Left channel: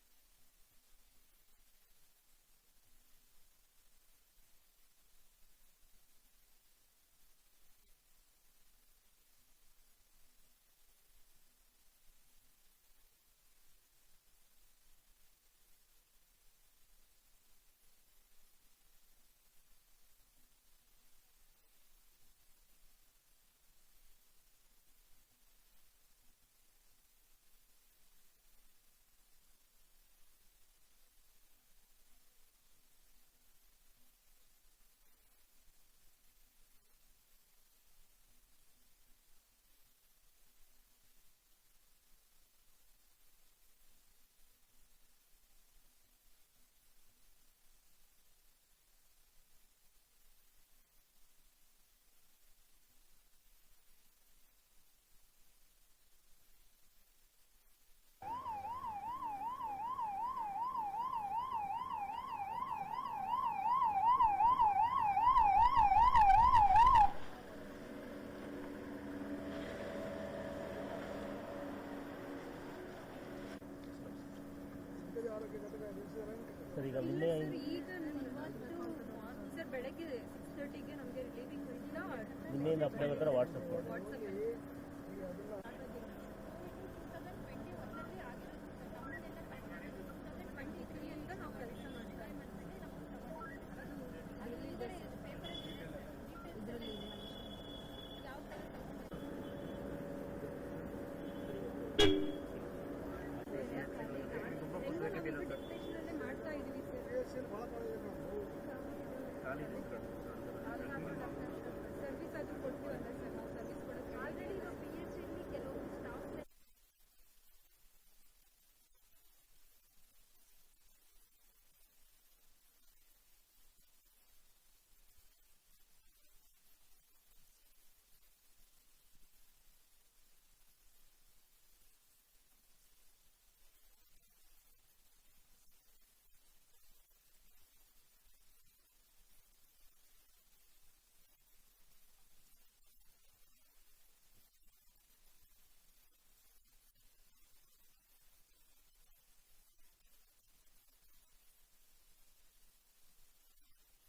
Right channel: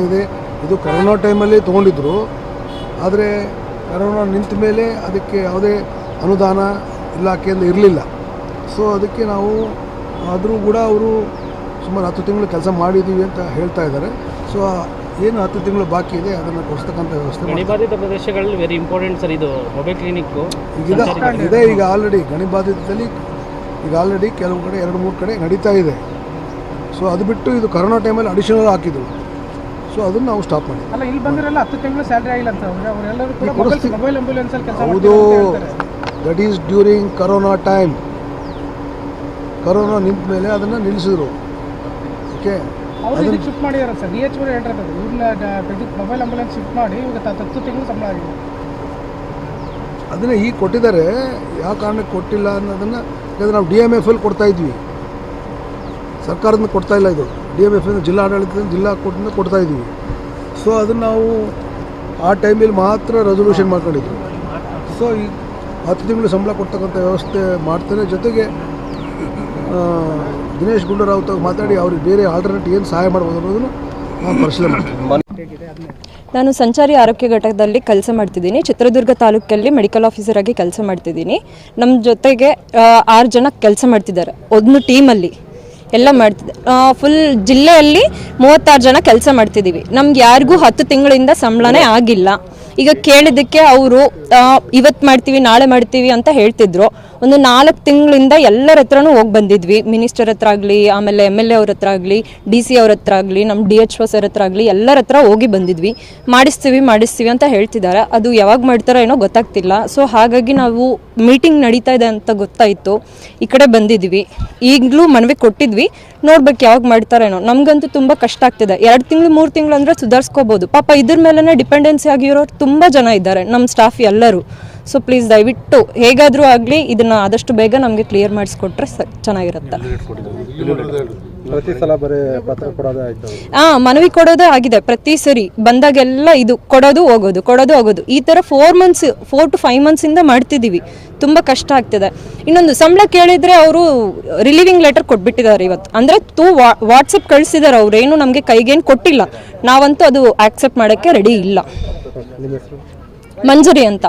ಇದೆ. ಇದು ಕರೋನಾ ಟೈಮಲ್ಲಿ ತೊಗೊಂಡಿದ್ರು. ಆದರೆ ಕರೋನಾ ನಿಂತ ಮೇಲೆ ಅದಕ್ಕೆ ಯಾವುದೇ ಅನುದಾನ ಇಲಾಖೆಯಿಂದ ಇರಲಿಲ್ಲ. ಸೊ ಅದಕ್ಕೆ ನಾವು ಆದರೂ ಕೂಡ ಅವರು ಸುಮಾರು 10 ತಿಂಗಳು ಕೆಲಸ ಮಾಡಿದ್ದೀವಿ ಅಂತ ಹೇಳ್ತಾ ಇದ್ದಾರೆ. ಸೊ ಏನು 10 ತಿಂಗಳು ಬಾಕಿ ಇದೆ ಅದನ್ನು ಕೊಡಿಸ್ತಕ್ಕಂಥ ವ್ಯವಸ್ಥೆ ಗಣಿಬಾಧಿತ ಪ್ರದೇಶಗಳಲ್ಲಿ ವೆರಿ ಇಂಪಾರ್ಟೆಂಟ್ ಸರ್. ಇದು ಮೊಬೈಲ್ ಕ್ಲಿನಿಕ್ಕು ಇದೆ. ಈಗ ಆಲ್ರೆಡಿ ಗಣಿಬಾಧಿತದಲ್ಲಿ ಈಗ ಆಲ್ರೆಡಿ ಕೆಲವು ಕಡೆ 2-3 ಕಡೆ ನಡೀತಾ ಇದೆ. ಸೊ ಅದು ಬಿಟ್ಟು ಇದು ಕರೋನಾ ಟೈಮಲ್ಲಿ ಅಡಿಷನಲ್ ಹಾಕಿದ್ರು. ಸೊ ಅದನ್ನು ನಾವು ಸ್ಟಾಪ್ ಮಾಡಿ. ಅಲ್ಲ, ಇಲ್ಲಿ ಬಂದಿರಲ್ಲ 10 ತಿಂಗಳು ಸ್ಯಾಲರಿ ಆಗಿಲ್ಲ ಅಂತ ಅವರೆಲ್ಲರೂ ಕೂಡ ಮೊಬೈಲ್ ಆಂಬ್ಯುಲೆನ್ಸಲ್ಲಿ ಕೆಲಸ ಹೌದು. That is during corona time. Corona ನಿಂತ ಮೇಲೆ ಅದನ್ನು ನಿಲ್ಲಿಸಿದ್ರು. ಓಕೆ, ಅವರು ಇದಕ್ಕೆ ಶಿಫ್ಟ್ ಮಾಡಿದಾರೆ ಸರ್. DH ಅವರು ಹೇಳಿರೋದು ಇವ್ರನ್ನ ಮೊಬೈಲ್ ಆಂಬ್ಯುಲೆನ್ಸ್ ಶಿಫ್ಟ್ ಮಾಡಿ ಇವಾಗ 10 ತಿಂಗಳು ಸಂಬಳ ಆಗಿದೆ. ಅದನ್ನು ಈಗ ಕೊಟ್ಟಿದ್ದಾರೆ. ಯಾವ ಕಾರಣಕ್ಕೆ ಕೊಟ್ಟಿಲ್ಲ ಅನ್ನೋದನ್ನು, ಯಾಕಂದರೆ ನಾವು DMFL ಕೊಡ್ತಾ ಇದ್ವಿ, ಸರ್ಕಾರದಿಂದ ಕೊಡ್ತಾ ಇಲ್ಲ. ಇದು DMFL ಜಿಲ್ಲಾ ಆಡಳಿತದಿಂದ ಜಿಲ್ಲಾ ಕೊಟ್ಟಿಂದ ಕೊಡ್ತಾ ಇದ್ವಿ. ಸೊ ಅದನ್ನು ನಾವು ಆ ಟೈಮಲ್ಲಿ ಮಾತ್ರ ರೆಸೊಲ್ಯೂಷನ್ ಮಾಡ್ಕೊಂಡಿದ್ವಿ. ಸೊ ಈ 10 ತಿಂಗಳು ಸಂಬಳ ಕೊಡ್ತಕ್ಕಂಥ ವ್ಯವಸ್ಥೆ ಮಾಡ್ತಾರೆ. ಜೊತೆಗೆ ದಿನೇಶ್ ಗುಂಡೂರಾವ್ ಮಾತಾಡಿ ಅವ್ರಿಗೆ ಬೇರೆ ಆಲ್ಟರ್ನೇಟ್ ಏನು ಸಹಾಯ ಮಾಡ್ಬೋದು ಅನ್ನೋದನ್ನು ನಾವು ಪರಿಶೀಲನೆ ಮಾಡ್ತೀವಿ. ನಾನು ಸಂಚಾರಿ ಆರೋಗ್ಯ ಘಟಕದಲ್ಲಿ ಕೆಲಸ ಮಾಡ್ತಿದ್ದೀನಿ. ಚಿತ್ರದುರ್ಗ ತಾಲೂಕಲ್ಲಿ ಮೆಡಿಕಲ್ ಆಫೀಸರ್ ಆಗಿ ಕೆಲಸ ಮಾಡ್ತಿದ್ದೀನಿ. ನಮ್ಮ ಜೊತೆಗೆ 6 ಜನ ಕೆಲಸ ಮಾಡ್ತಿದ್ದಾರೆ ಒಂದು ಟೀಮಲ್ಲಿ. ಎಲ್ಲ ಮಾಡ್ತಿದ್ದೆ. ಫುಲ್ ಜಿಲ್ಲೆಯಲ್ಲಿ 36 ಜನ ಕೆಲಸ ಮಾಡ್ತಿದ್ದೀವಿ. ನಮ್ಗೆ ಯಾರಿಗೂ 10 ತಿಂಗಳಿಂದ ಸಂಬಳನೇ ಆಗಿಲ್ಲ. ಈಗ ಕೇಳಿದ್ದಕ್ಕೆ ಅವರು ಇವತ್ತು ಮಾಡ್ತೀವಿ ನಾಳೆ ಮಾಡ್ತೀವಿ ಅಂತ ಹೇಳ್ತಿದ್ರು. ಒಂದು 4 ತಿಂಗಳಿಂದ ಎಲ್ಲರ ಹತ್ರನೂ ಹೋಗಿ ಬಂದಿದ್ವಿ. ಮಿನಿಸ್ಟರ್ ಹತ್ರ ಆಗಲಿ, ಆಮೇಲೆ MLA ಅವ್ರ ಹತ್ರ ಆಗಲಿ, DC ಅವ್ರ ಹತ್ರ ಆಗಲಿ, ನಮ್ಮ DHO ಸರ್ ಹತ್ರ ಆಗಲಿ, ಎಲ್ಲರ ಹತ್ರ ಹೋಗಿ ಬಂದಿದ್ವಿ. ಮಾಡಿಸ್ತೀವಿ ಅಂತ ಹೇಳ್ತಿದ್ದಾರೆ. ಅದು ಯಾವಾಗ ಮಾಡ್ತಾರೋ ಏನೋ ಗೊತ್ತಾಗ್ತಿಲ್ಲ. ಸೊ ಹಾಗಾಗಿ ನಾವು ಮೀಟಿಂಗ್ ನಡೀತಾ ಇದೆ ಅಂತ ಗೊತ್ತಾಯಿತು, ಈ ಕಡೆ ಬಂದಿದ್ವಿ. ಈಗಲೂ ಮನವಿ ಕೊಟ್ಟಿದ್ವಿ, ನೋಡ್ಬೇಕು ಯಾವಾಗ ಮಾಡ್ತಾರೇನೋ. ನಮಗಂತೂ ತುಂಬ ಕಷ್ಟ ಆಗ್ತಿದೆ. 2 ತಿಂಗಳು 3 ತಿಂಗಳು ಅಂದರೆ ಸುಧಾರಿಸ್ಕೋಬೋದು. ಪಾಪ ಇದ್ರ ಮೇಲೇ ಡಿಪೆಂಡೆನ್ಸಿ ಆಗಿರೋರು ತುಂಬ ಜನ ಇದ್ದಾರೆ, ನಮ್ಮ ಸ್ಟಾಫ್ ಎಲ್ಲರೂ. ಸೊ ಪ್ಲೀಸ್ ದಯವಿಟ್ಟು ಹೇಗಾದರೂ ಆಗಲಿ ಇದನ್ನು ಆದಷ್ಟು ಬೇಗ ನಮಗೆ ಕ್ಲಿಯರ್ ಮಾಡಿಸ್ಕೊಟ್ರೆ ಚೆನ್ನಾಗಿರುತ್ತೆ. ಪ್ರತಿ ಸಲ ಬರೀ ಪತ್ರ ಕೊಡೋದೇ ಆಯಿತು. ಮನವಿ ಕೊಡೋದೇ ಆಗಿದೆ. ಪ್ರತಿ ಸರಿ ಬಂದಾಗೆಲ್ಲ ಇದು ಕೊಡೋದು ಹೋಗೋದು ಈ ಥರ 4 to 5 ಮಂತ್ಸಿಂದ ಮಾಡ್ತಿದ್ದೀವಿ. ತುಂಬ ಕಷ್ಟ ಆಗ್ತಿದೆ. ಇನ್ನೊಂದು ಸಂಬಳ ಕೇಳಿದರೆ ಅವರು ರಿಲೀವಿಂಗ್ ಲೆಟರ್ ಕೊಟ್ಬಿಟ್ಟಿದ್ದಾರೆ ಇವತ್ತು. ಅಂದರೆ ವಾಟ್ಸಪ್ ಕಳಿಸಿದ್ದಾರೆ. ಅವರೇನು ನಮಗೆ ಕೈಗೇನು ಕೊಟ್ಟಿಲ್ಲ. ನಾವಂತೂ ಅದು ಆಕ್ಸೆಪ್ಟ್ ಮಾಡೋಕ್ಕೆ ರೆಡಿ ಇಲ್ಲ. ನಿಮ್ಮ ಹೆಸರು? ಮಂಜರಿ ಅಂತ.